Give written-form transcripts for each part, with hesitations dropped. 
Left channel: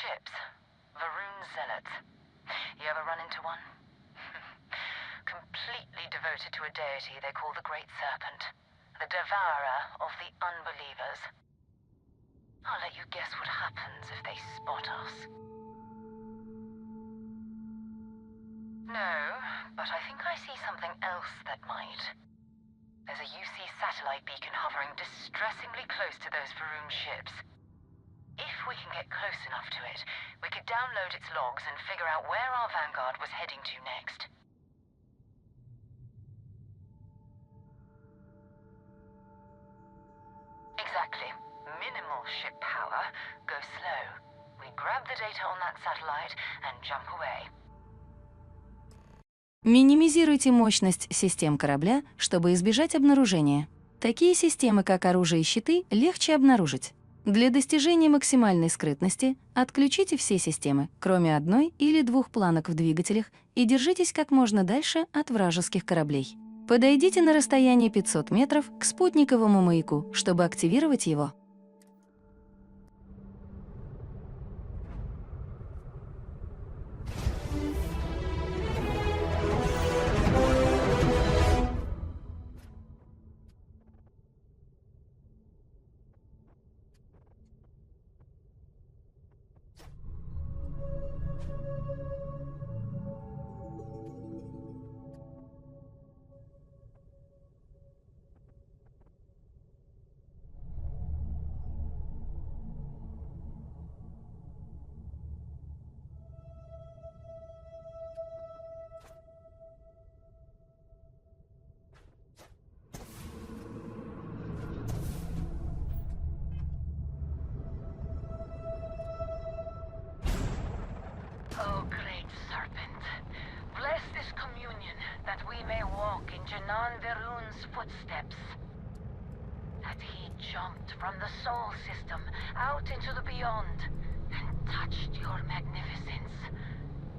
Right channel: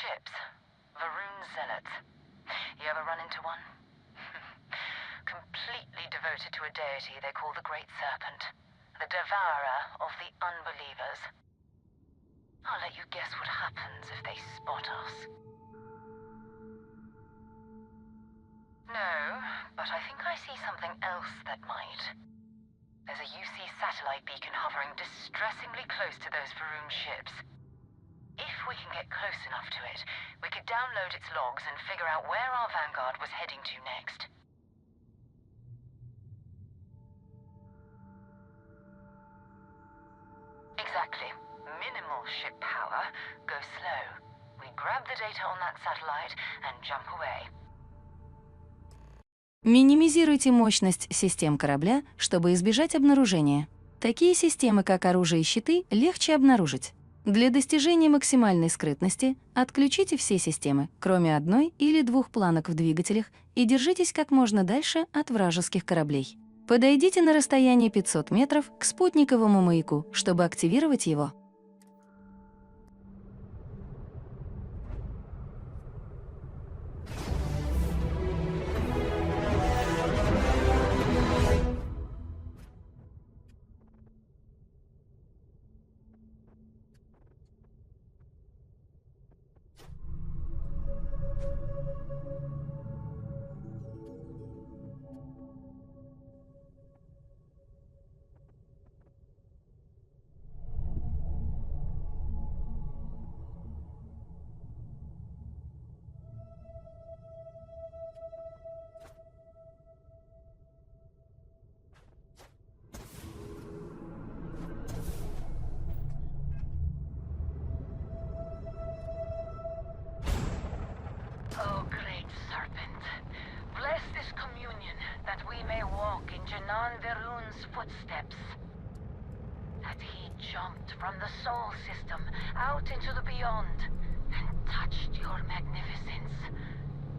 ships. Varun zealots. You ever run into one? Completely devoted to a deity they call the Great Serpent. The devourer of the unbelievers. I'll let you guess what happens if they spot us. No, but I think I see something else that might. There's a UC satellite beacon hovering distressingly close to those Varun ships. If we can get close enough to it, we could download its logs and figure out where our vanguard was heading to next. Exactly. Minimal ship power, go slow. We grab the data on that satellite and jump away. Минимизируйте мощность систем корабля, чтобы избежать обнаружения. Такие системы, как оружие и щиты, легче обнаружить. Для достижения максимальной скрытности отключите все системы, кроме одной или двух планок в двигателях, и держитесь как можно дальше от вражеских кораблей. Подойдите на расстояние 500 метров к спутниковому маяку, чтобы активировать его. Oh, Great Serpent, bless this communion that we may walk in Janan Varun's footsteps. That he jumped from the Sol system out into the beyond and touched your magnificence.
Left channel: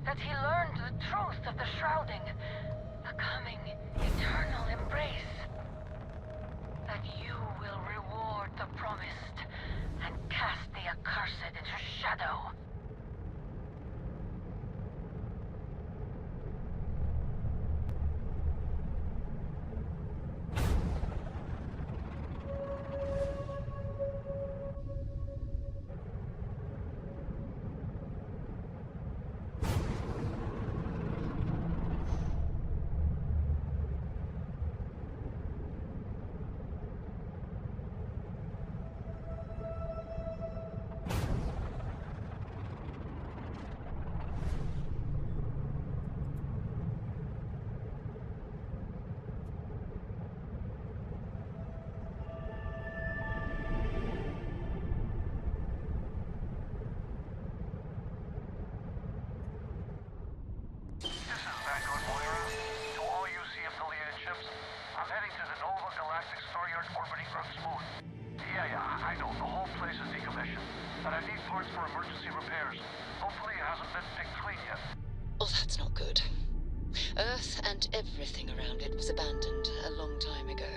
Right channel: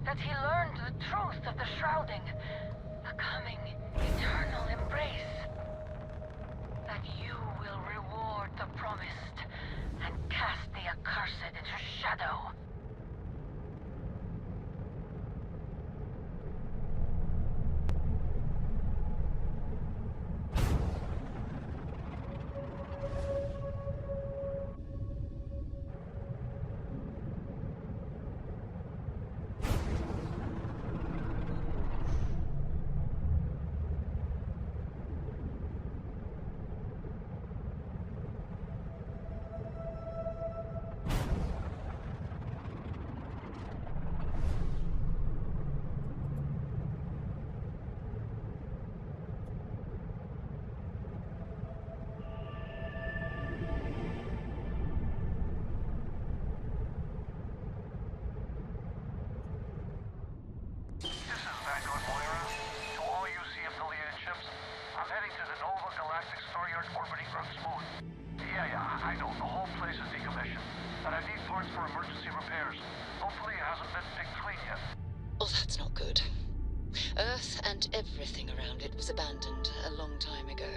That he learned the truth of the shrouding, the coming eternal embrace. That you will reward the promised and cast the accursed into shadow. Oh, that's not good. Earth and everything around it was abandoned a long time ago,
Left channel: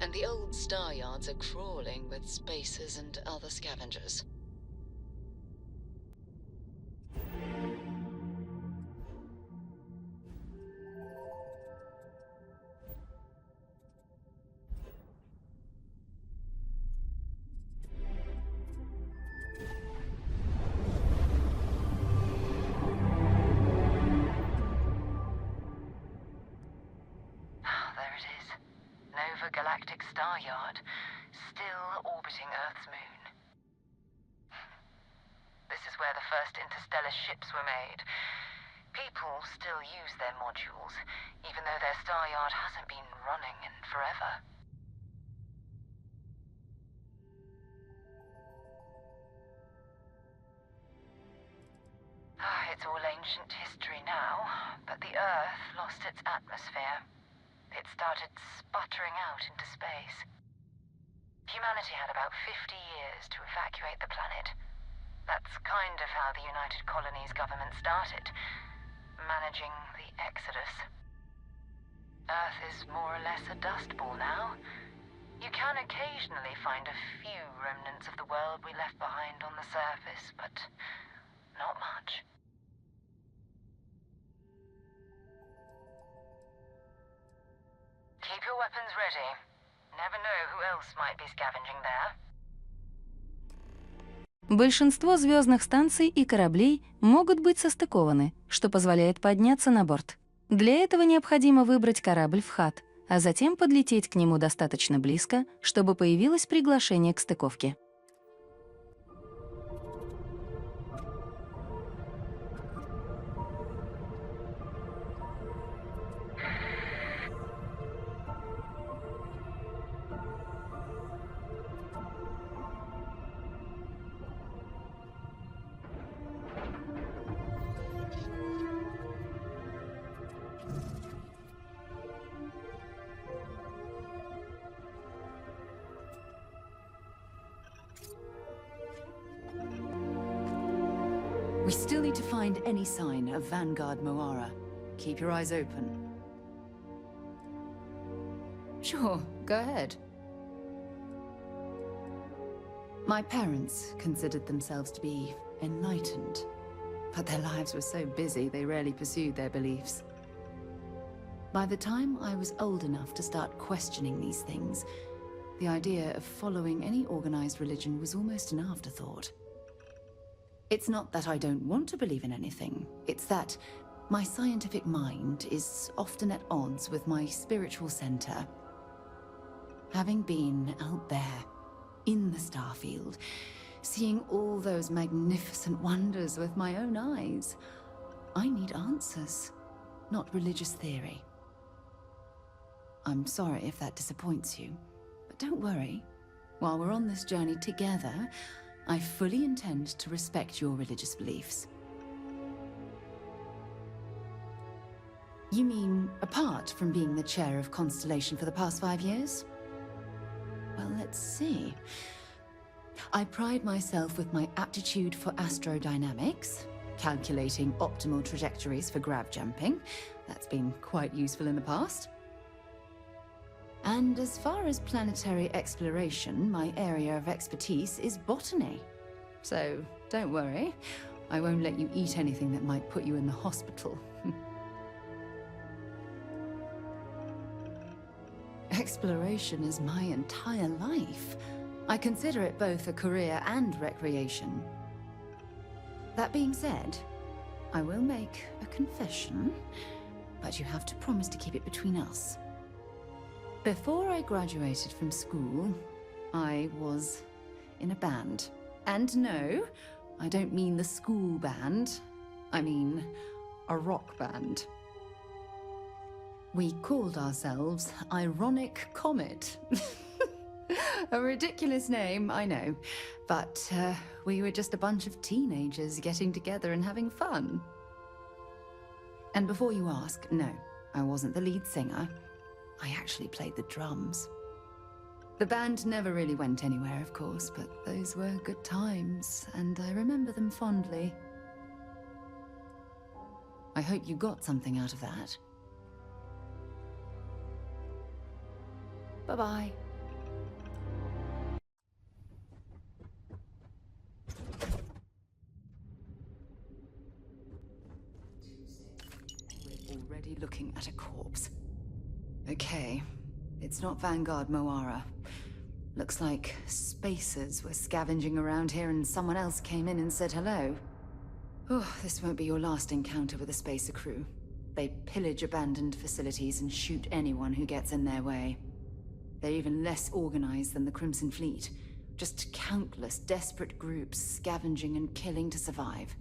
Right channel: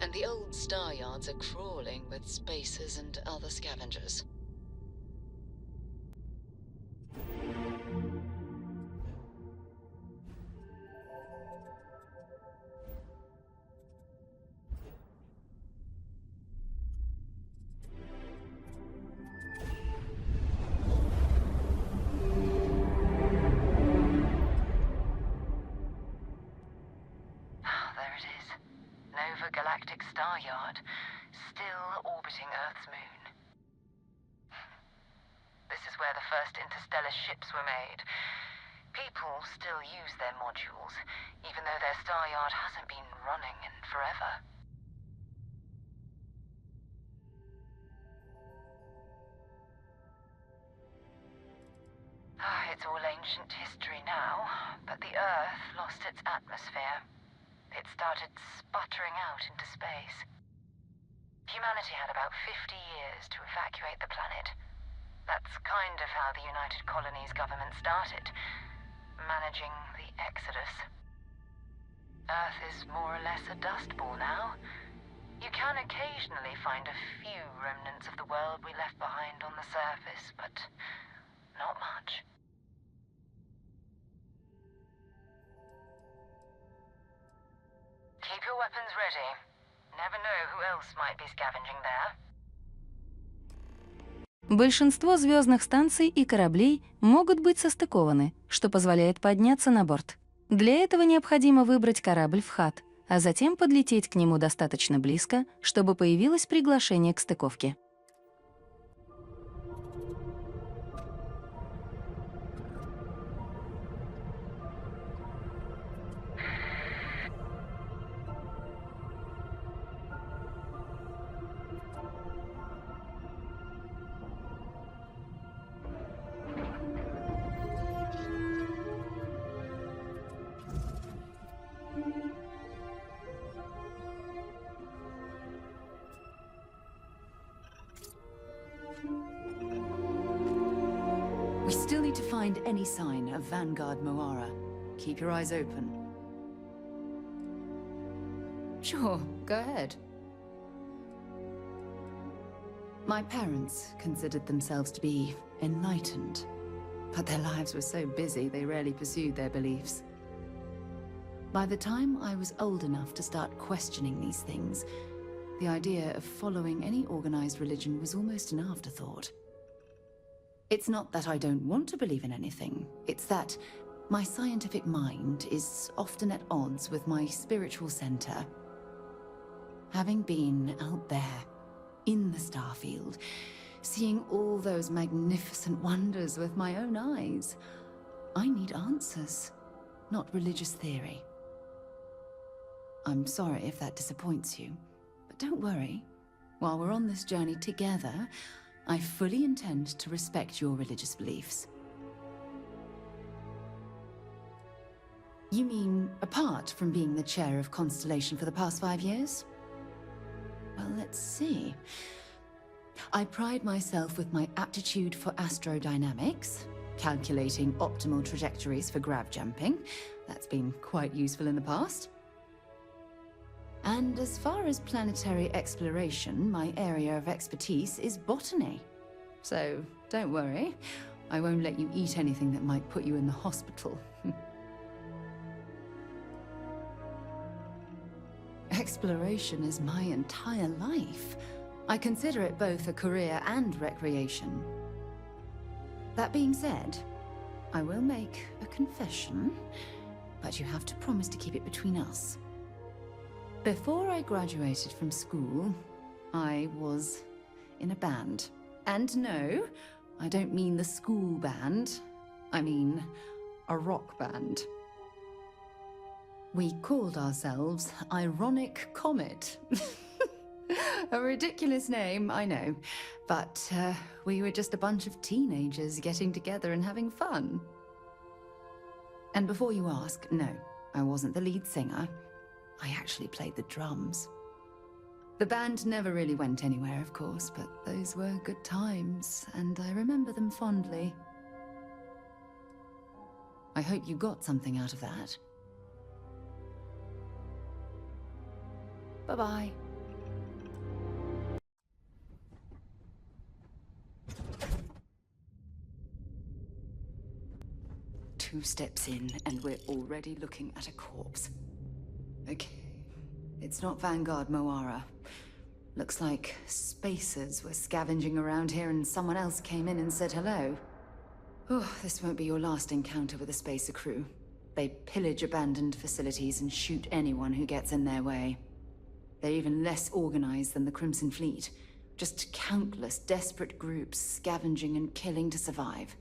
and the old star yards are crawling with spacers and other scavengers. Galactic star yard, still orbiting Earth's moon. This is where the first interstellar ships were made. People still use their modules, even though their star yard hasn't been running in forever. It's all ancient history now, but the Earth lost its atmosphere. It started sputtering out into space. Humanity had about 50 years to evacuate the planet. That's kind of how the United Colonies government started, managing the exodus. Earth is more or less a dust ball now. You can occasionally find a few remnants of the world we left behind on the surface, but not much. Keep your weapons ready. Never know who else might be scavenging there. Большинство звездных станций и кораблей могут быть состыкованы, что позволяет подняться на борт. Для этого необходимо выбрать корабль в ХАТ, а затем подлететь к нему достаточно близко, чтобы появилось приглашение к стыковке. We still need to find any sign of Vanguard Moara. Keep your eyes open. Sure, go ahead. My parents considered themselves to be enlightened, but their lives were so busy they rarely pursued their beliefs. By the time I was old enough to start questioning these things, the idea of following any organized religion was almost an afterthought. It's not that I don't want to believe in anything, it's that my scientific mind is often at odds with my spiritual center. Having been out there, in the Starfield, seeing all those magnificent wonders with my own eyes, I need answers, not religious theory. I'm sorry if that disappoints you, but don't worry. While we're on this journey together, I fully intend to respect your religious beliefs. You mean, apart from being the chair of Constellation for the past 5 years? Well, let's see. I pride myself with my aptitude for astrodynamics, calculating optimal trajectories for grav jumping. That's been quite useful in the past. And as far as planetary exploration, my area of expertise is botany. So, don't worry, I won't let you eat anything that might put you in the hospital. Exploration is my entire life. I consider it both a career and recreation. That being said, I will make a confession, but you have to promise to keep it between us. Before I graduated from school, I was in a band. And no, I don't mean the school band. I mean a rock band. We called ourselves Ironic Comet. A ridiculous name, I know. But we were just a bunch of teenagers getting together and having fun. And before you ask, no, I wasn't the lead singer. I actually played the drums. The band never really went anywhere, of course, but those were good times, and I remember them fondly. I hope you got something out of that. Bye-bye. Two steps in, and we're already looking at a corpse. Okay, it's not Vanguard Moara. Looks like spacers were scavenging around here and someone else came in and said hello. Oh, this won't be your last encounter with a spacer crew. They pillage abandoned facilities and shoot anyone who gets in their way. They're even less organized than the Crimson Fleet. Just countless desperate groups scavenging and killing to survive.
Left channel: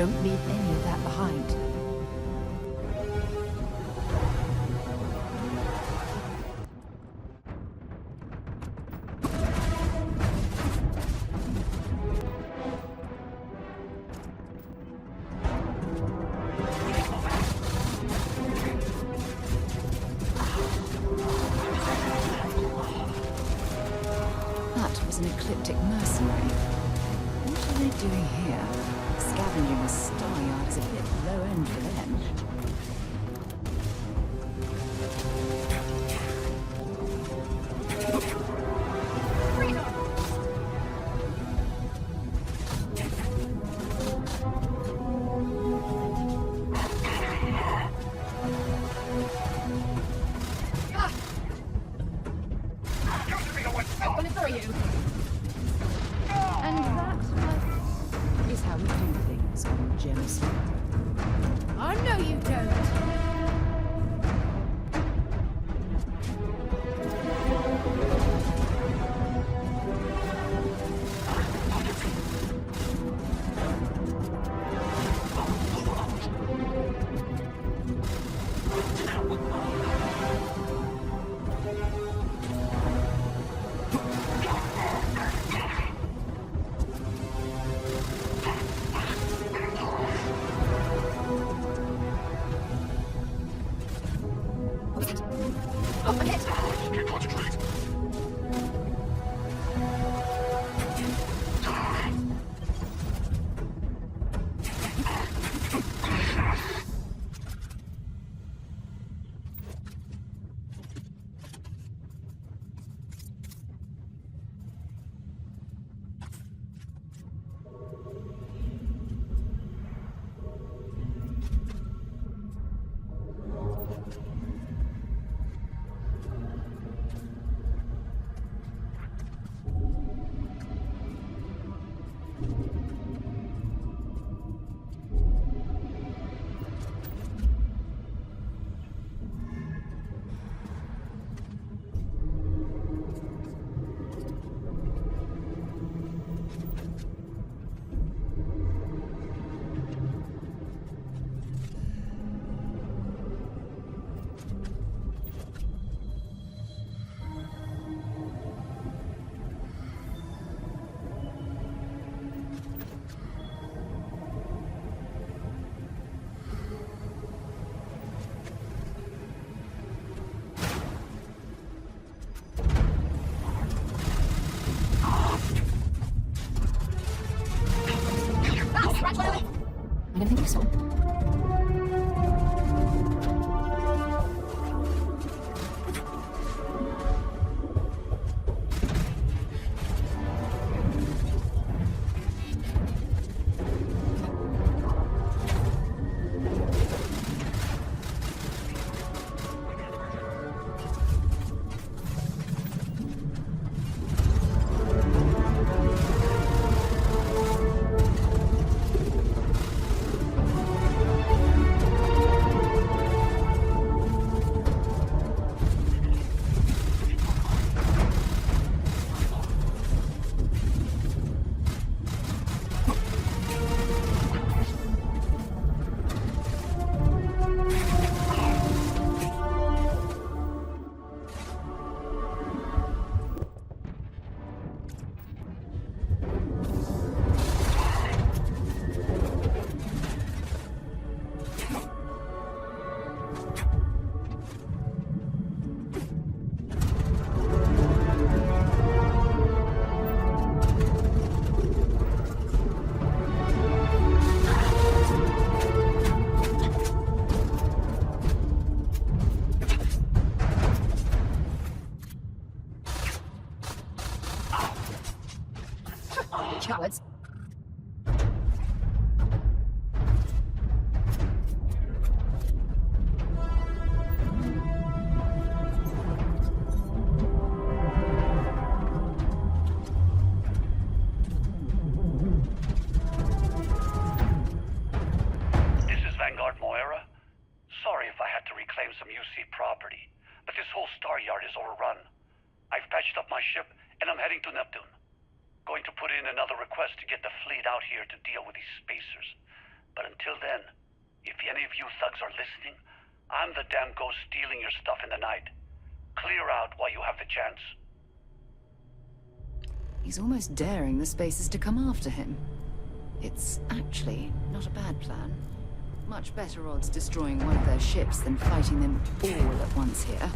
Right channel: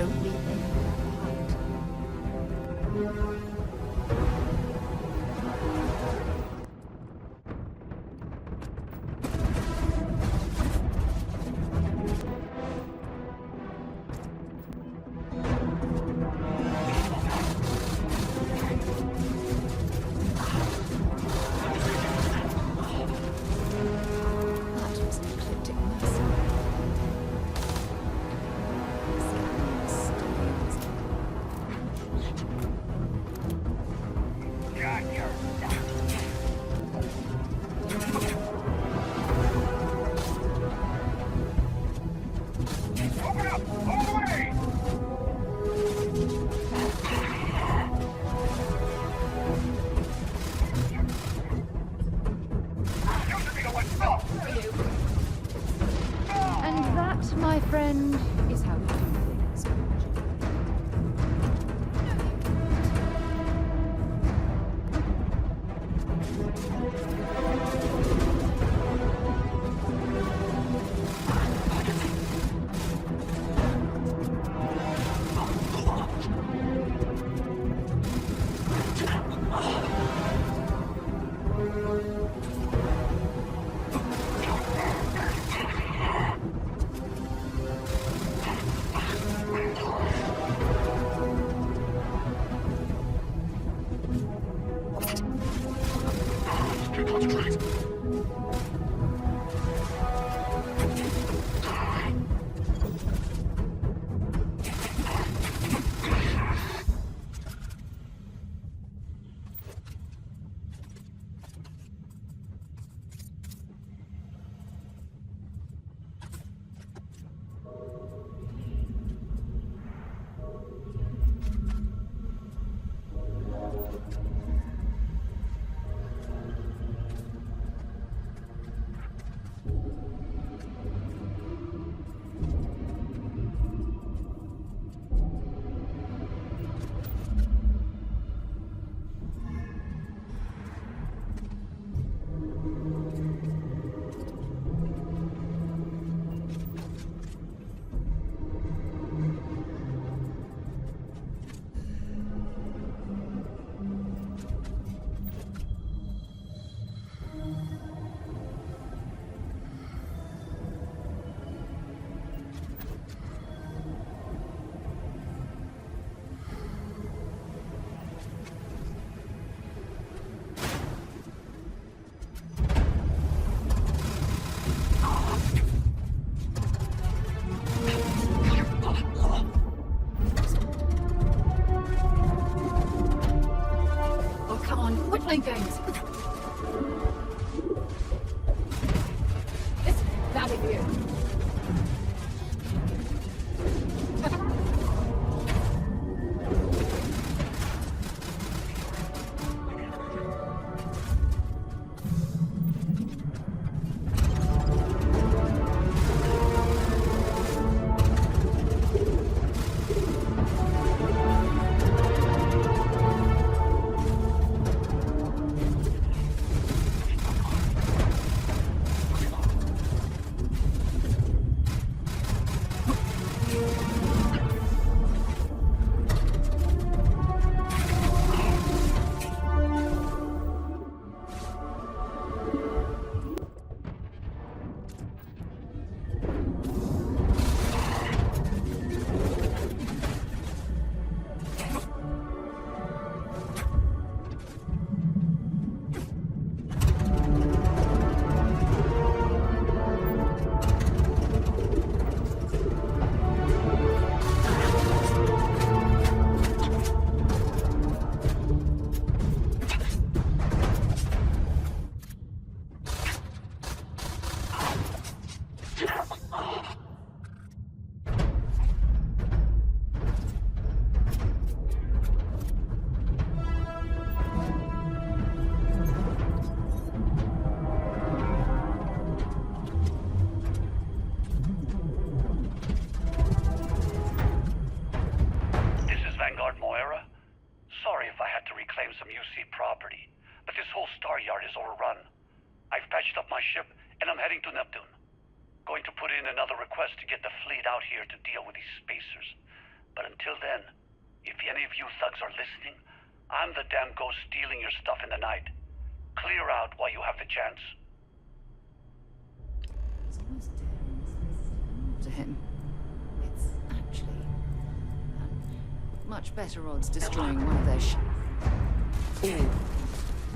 Don't leave any of that behind. That was an ecliptic mercenary. What are they doing here? Scavenging the Starfield is a bit low end for them. And that, my friend, is how we do things on Gems. I know you don't. Oh, come on, we're playing games. It's out of here. Cowards. property, but this whole star yard is overrun. I've patched up my ship, and I'm heading to Neptune. Going to put in another request to get the fleet out here to deal with these spacers. But until then, if any of you thugs are listening, I'm the damn ghost stealing your stuff in the night. Clear out while you have the chance. He's almost daring the Spacers to come after him. It's actually not a bad plan. Much better odds destroying one of their ships than fighting them all at once here.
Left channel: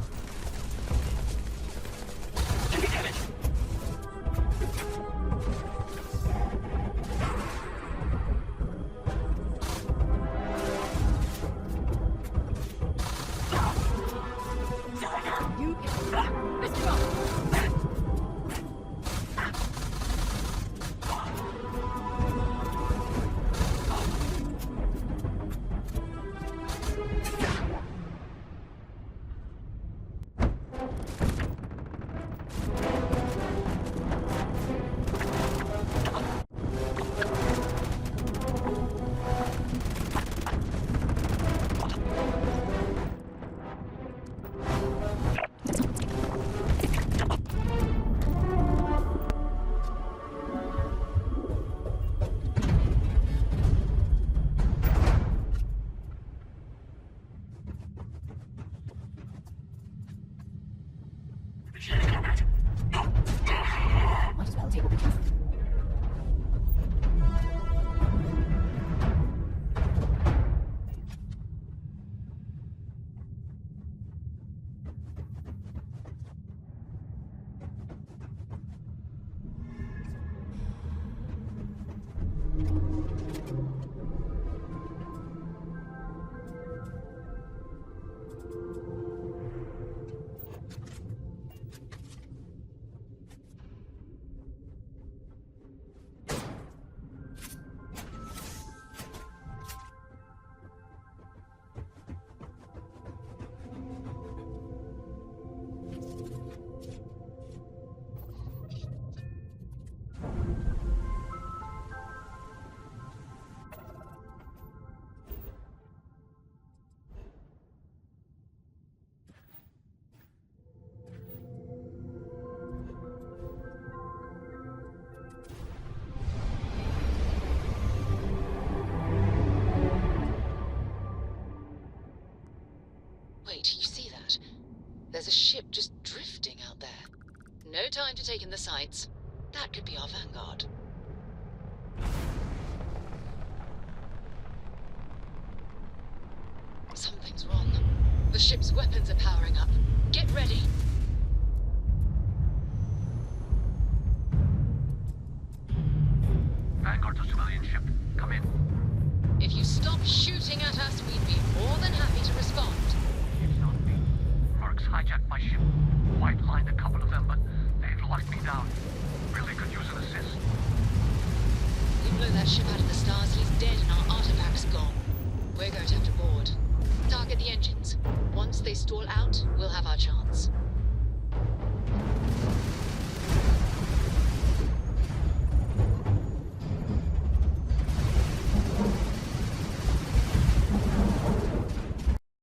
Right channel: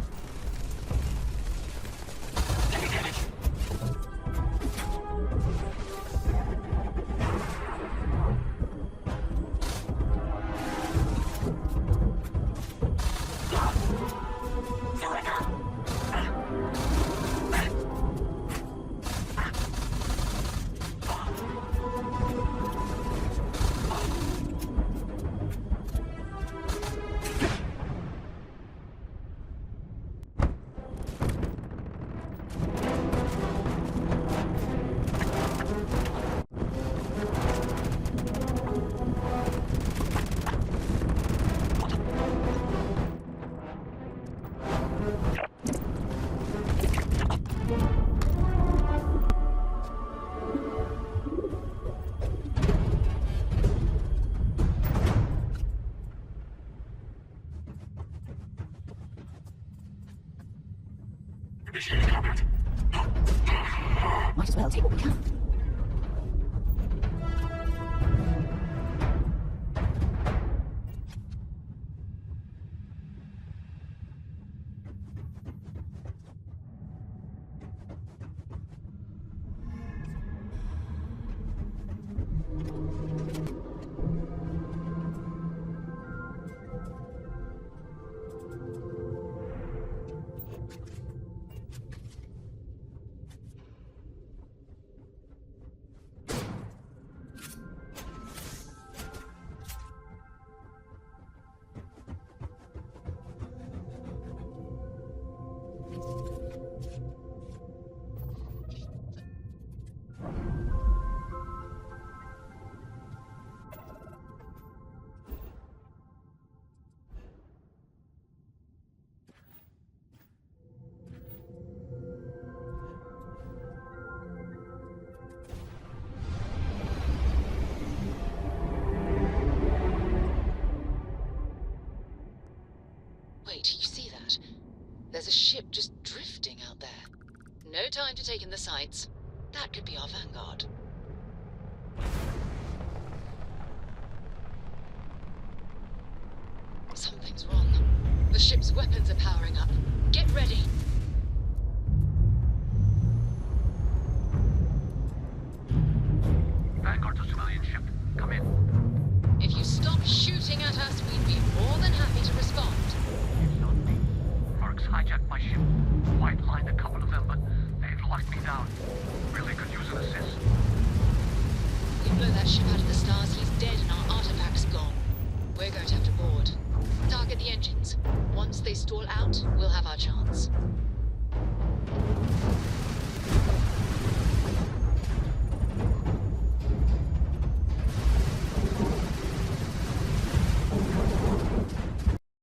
Might as well take what we can. Wait, you see that? There's a ship just drifting out there. No time to take in the sights. That could be our vanguard. Something's wrong. The ship's weapons are powering up. Get ready! Vanguard's a civilian ship. Come in. If you stop shooting at us, we'd be more than happy to respond. It's not me. Mercs hijacked my ship. White lined a couple of them, but they've locked me down. Really could use an assist. We blow that ship out of the stars, he's dead and our artifact's gone. We're going to have to board. Target the engines. Once they stall out, we'll have our chance.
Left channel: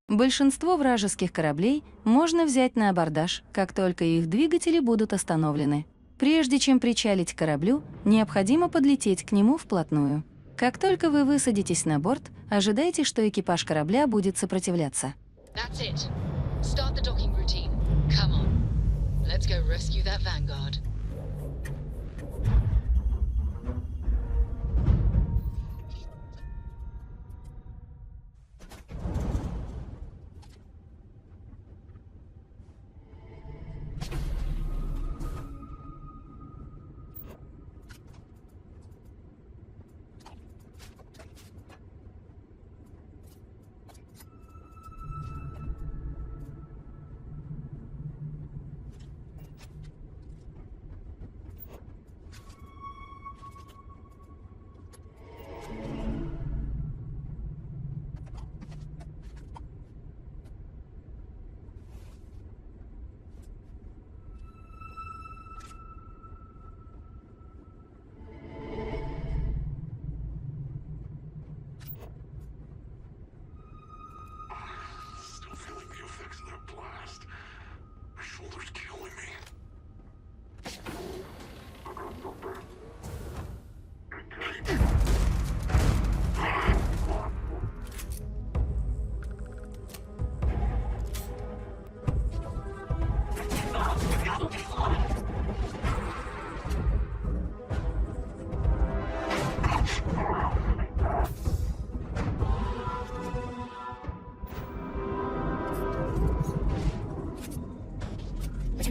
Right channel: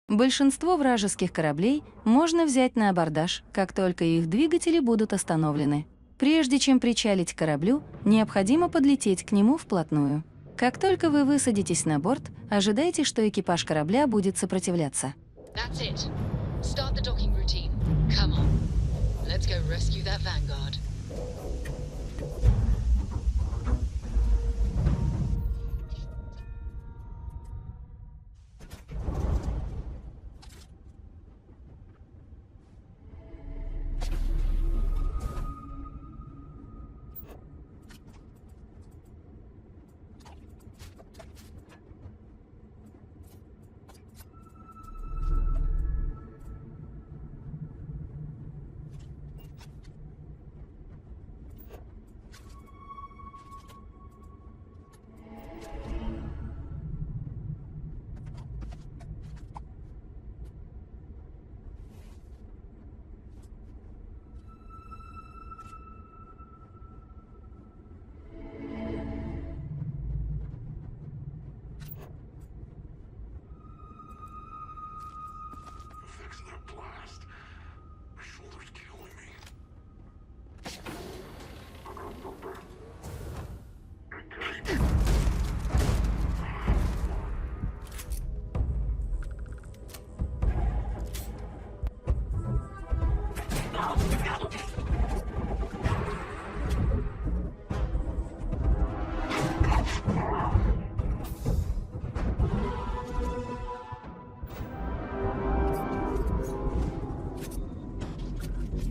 Большинство вражеских кораблей можно взять на абордаж, как только их двигатели будут остановлены. Прежде чем причалить к кораблю, необходимо подлететь к нему вплотную. Как только вы высадитесь на борт, ожидайте, что экипаж корабля будет сопротивляться. That's it. Start the docking routine. Come on. Let's go rescue that vanguard.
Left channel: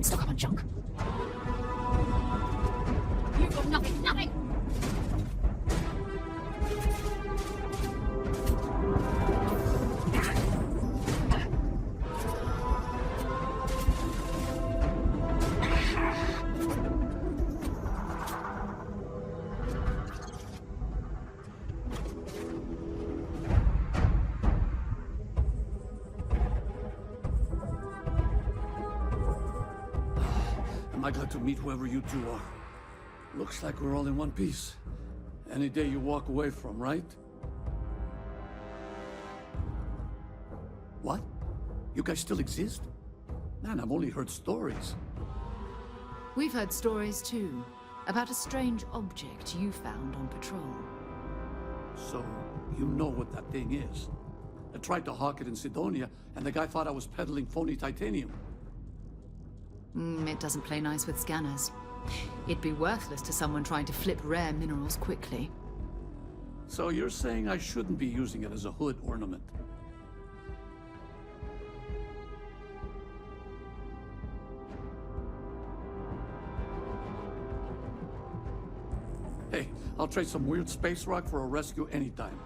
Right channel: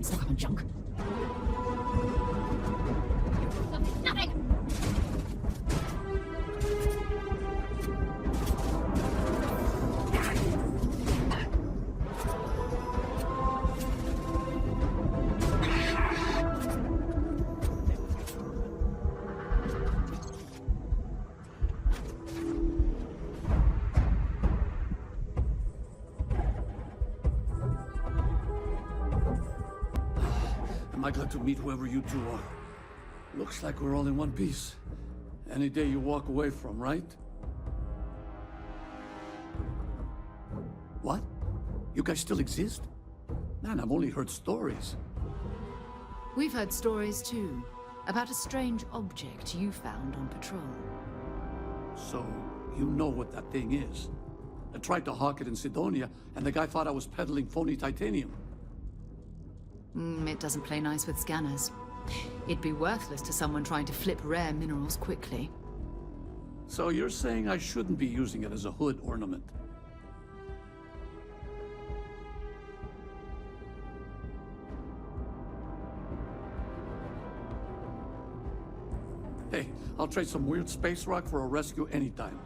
Don't stock up on junk. You've got nothing, nothing! Am I glad to meet whoever you two are? Looks like we're all in one piece. Any day you walk away from, right? What? You guys still exist? Man, I've only heard stories. We've heard stories too, about a strange object you found on patrol. So, you know what that thing is. I tried to hawk it in Sidonia, and the guy thought I was peddling phony titanium. It doesn't play nice with scanners. It'd be worthless to someone trying to flip rare minerals quickly. So you're saying I shouldn't be using it as a hood ornament? Hey, I'll trade some weird space rock for a rescue anytime.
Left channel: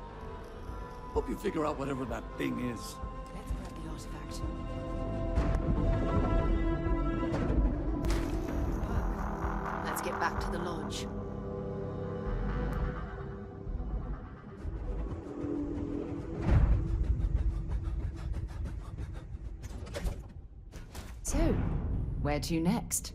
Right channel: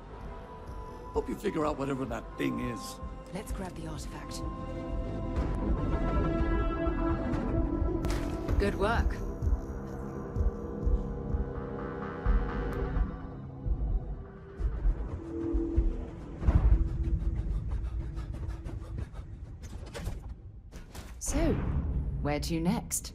Hope you figure out whatever that thing is. Let's grab the artifact. Good work. Let's get back to the lodge. So, where to next?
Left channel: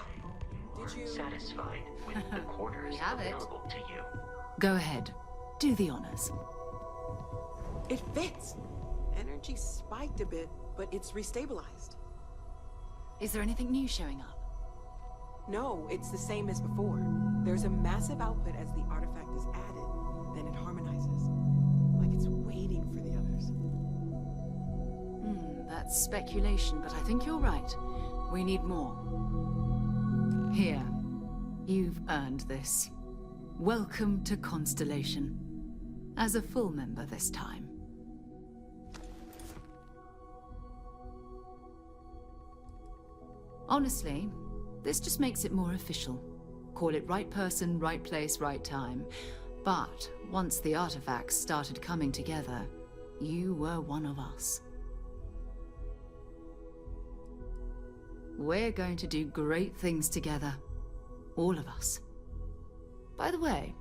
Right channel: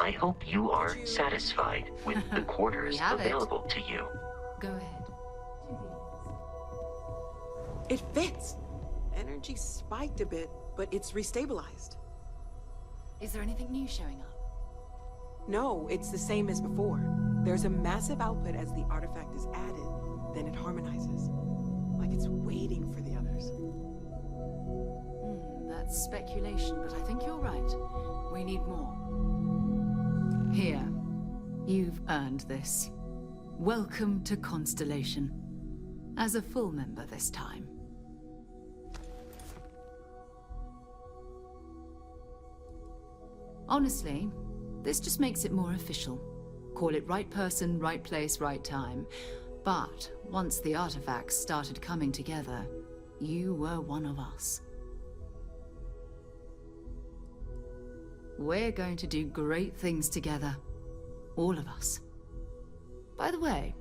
I hope you are satisfied with the quarters available to you. Go ahead. Do the honors. It fits. Energy spiked a bit, but it's restabilized. Is there anything new showing up? No, it's the same as before. There's a massive output as the artifact is added, then it harmonizes. Like it's waiting for the others. That's speculation, but I think you're right. We need more. Here. You've earned this. Welcome to Constellation. As a full member this time. Honestly, this just makes it more official. Call it right person, right place, right time. But once the artifacts started coming together, you were one of us. We're going to do great things together. All of us. By the way,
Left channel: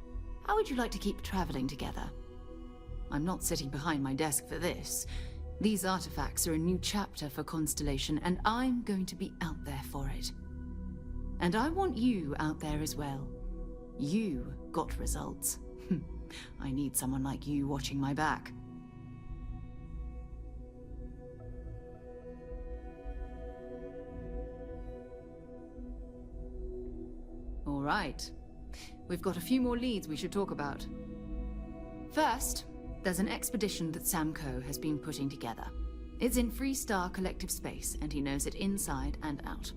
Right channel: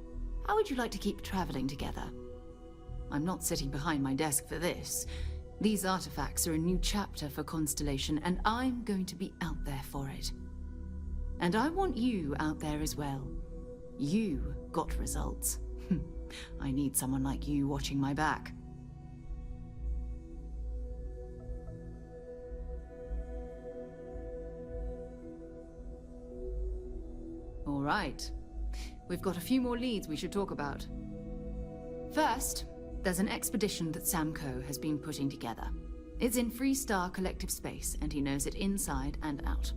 how would you like to keep traveling together? I'm not sitting behind my desk for this. These artifacts are a new chapter for Constellation, and I'm going to be out there for it. And I want you out there as well. You got results. I need someone like you watching my back. All right. We've got a few more leads we should talk about. First, there's an expedition that Samco has been putting together. It's in Freestar Collective Space, and he knows it inside and out.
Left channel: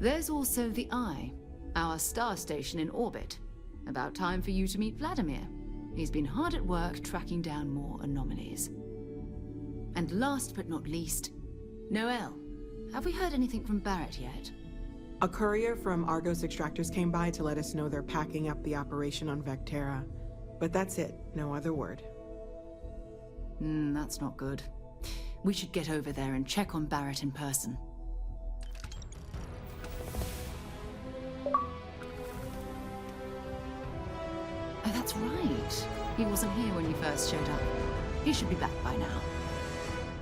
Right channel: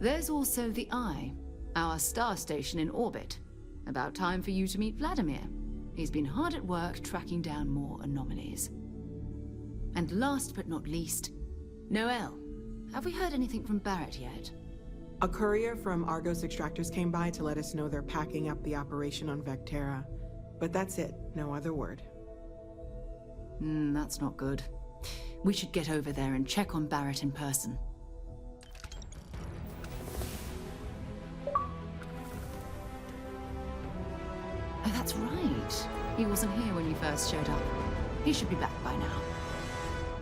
There's also the Eye, our star station in orbit. About time for you to meet Vladimir. He's been hard at work tracking down more anomalies. And last but not least, Noel. Have we heard anything from Barrett yet? A courier from Argos Extractors came by to let us know they're packing up the operation on Vectera. But that's it, no other word. That's not good. We should get over there and check on Barrett in person. Oh, that's right. He wasn't here when you first showed up. He should be back by now.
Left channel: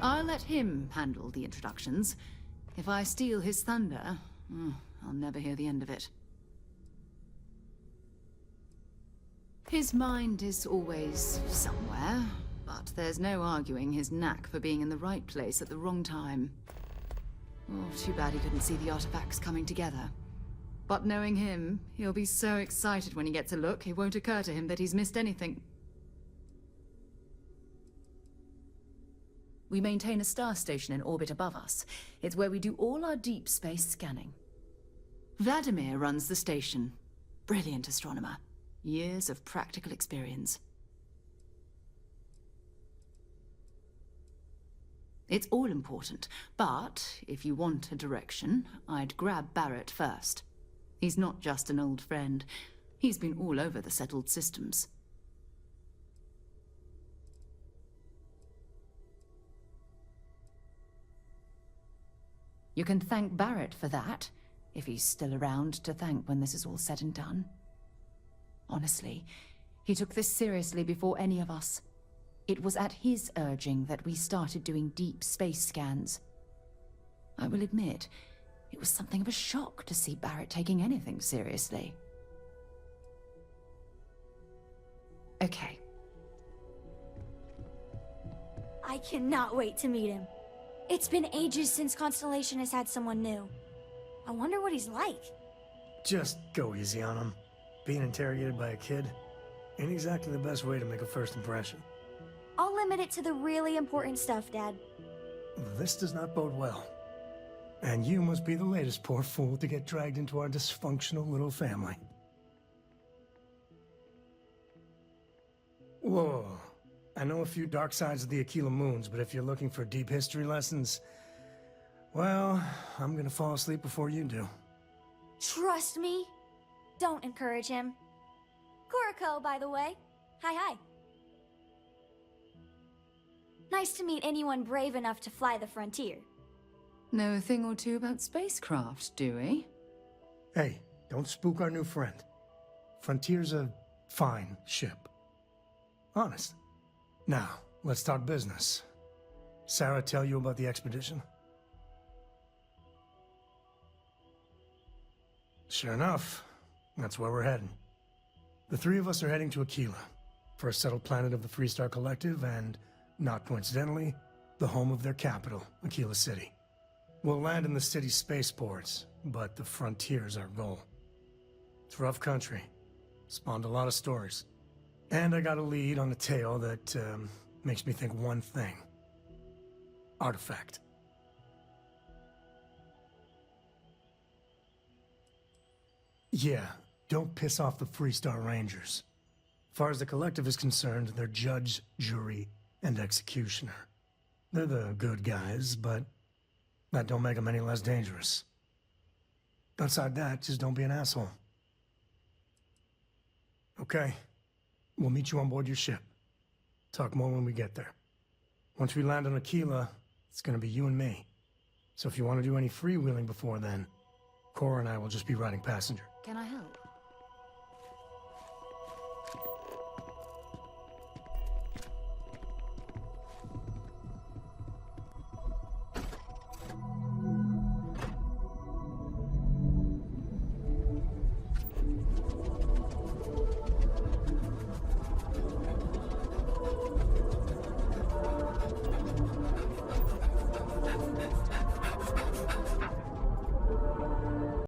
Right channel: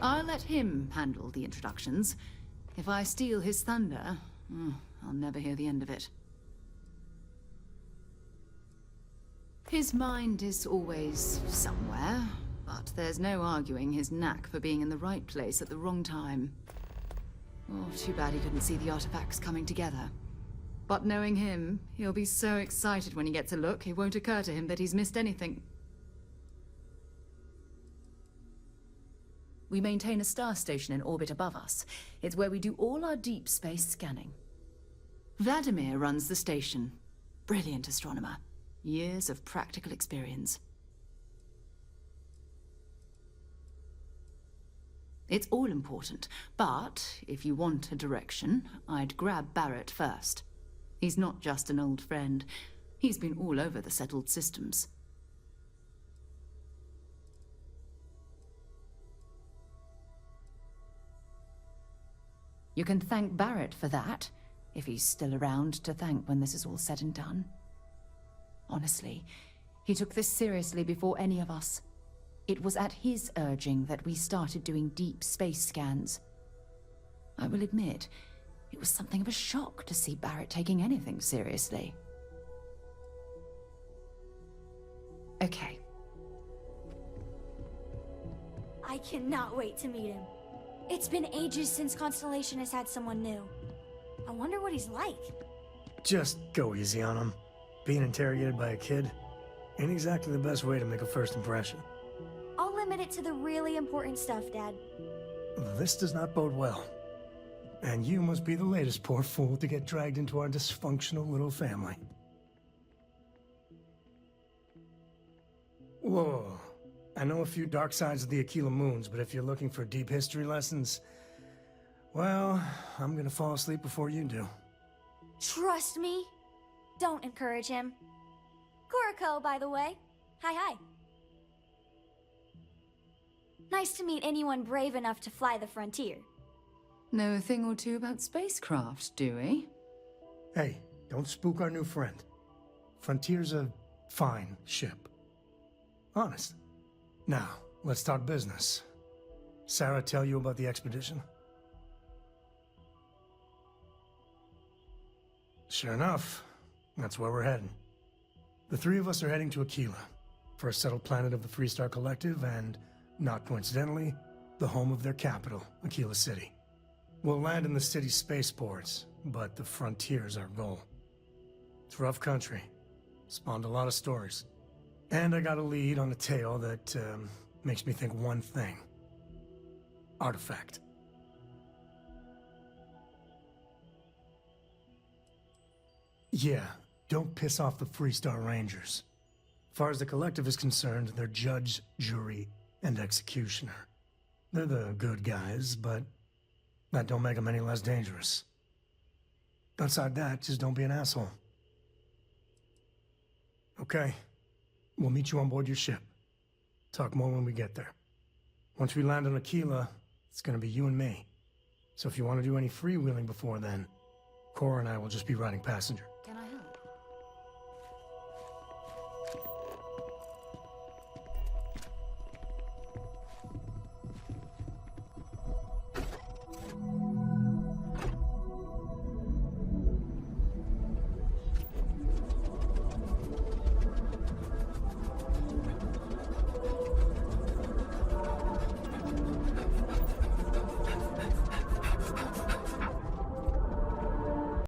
I'll let him handle the introductions. If I steal his thunder, I'll never hear the end of it. His mind is always somewhere, but there's no arguing his knack for being in the right place at the wrong time. Oh, too bad he couldn't see the artifacts coming together. But knowing him, he'll be so excited when he gets a look, it won't occur to him that he's missed anything. We maintain a star station in orbit above us. It's where we do all our deep space scanning. Vladimir runs the station. Brilliant astronomer. Years of practical experience. It's all important, but if you want a direction, I'd grab Barrett first. He's not just an old friend. He's been all over the settled systems. You can thank Barrett for that, if he's still around to thank when this is all said and done. Honestly, he took this seriously before any of us. It was at his urging that we started doing deep space scans. I will admit, it was something of a shock to see Barrett taking anything seriously. Okay. I cannot wait to meet him. It's been ages since Constellation has had someone new. I wonder what he's like. Just go easy on him. Being interrogated by a kid ain't exactly the best way to make a first impression. I'll limit it to the really important stuff, Dad. This does not bode well. And you must be the latest poor fool to get dragged into our dysfunctional little family. Whoa. I know a few dark sides of the Aquila Moons, but if you're looking for deep history lessons, well, I'm gonna fall asleep before you do. Trust me. Don't encourage him. Kuriko, by the way. Hi. Nice to meet anyone brave enough to fly the frontier. Know a thing or two about spacecraft, do we? Hey, don't spook our new friend. Frontier's a fine ship. Honest. Now, let's talk business. Sarah tell you about the expedition? Sure enough, that's where we're heading. The three of us are heading to Aquila, first settled planet of the Freestar Collective and, not coincidentally, the home of their capital, Aquila City. We'll land in the city's spaceports, but the frontier's our goal. It's rough country. Spawned a lot of stories. And I got a lead on a tale that makes me think one thing. Artifact. Yeah, don't piss off the Freestar Rangers. As far as the Collective is concerned, they're judge, jury, and executioner. They're the good guys, but that don't make them any less dangerous. Outside that, just don't be an asshole. Okay. We'll meet you on board your ship. Talk more when we get there. Once we land on Aquila, it's gonna be you and me. So if you want to do any freewheeling before then, Cora and I will just be riding passenger. Can I help?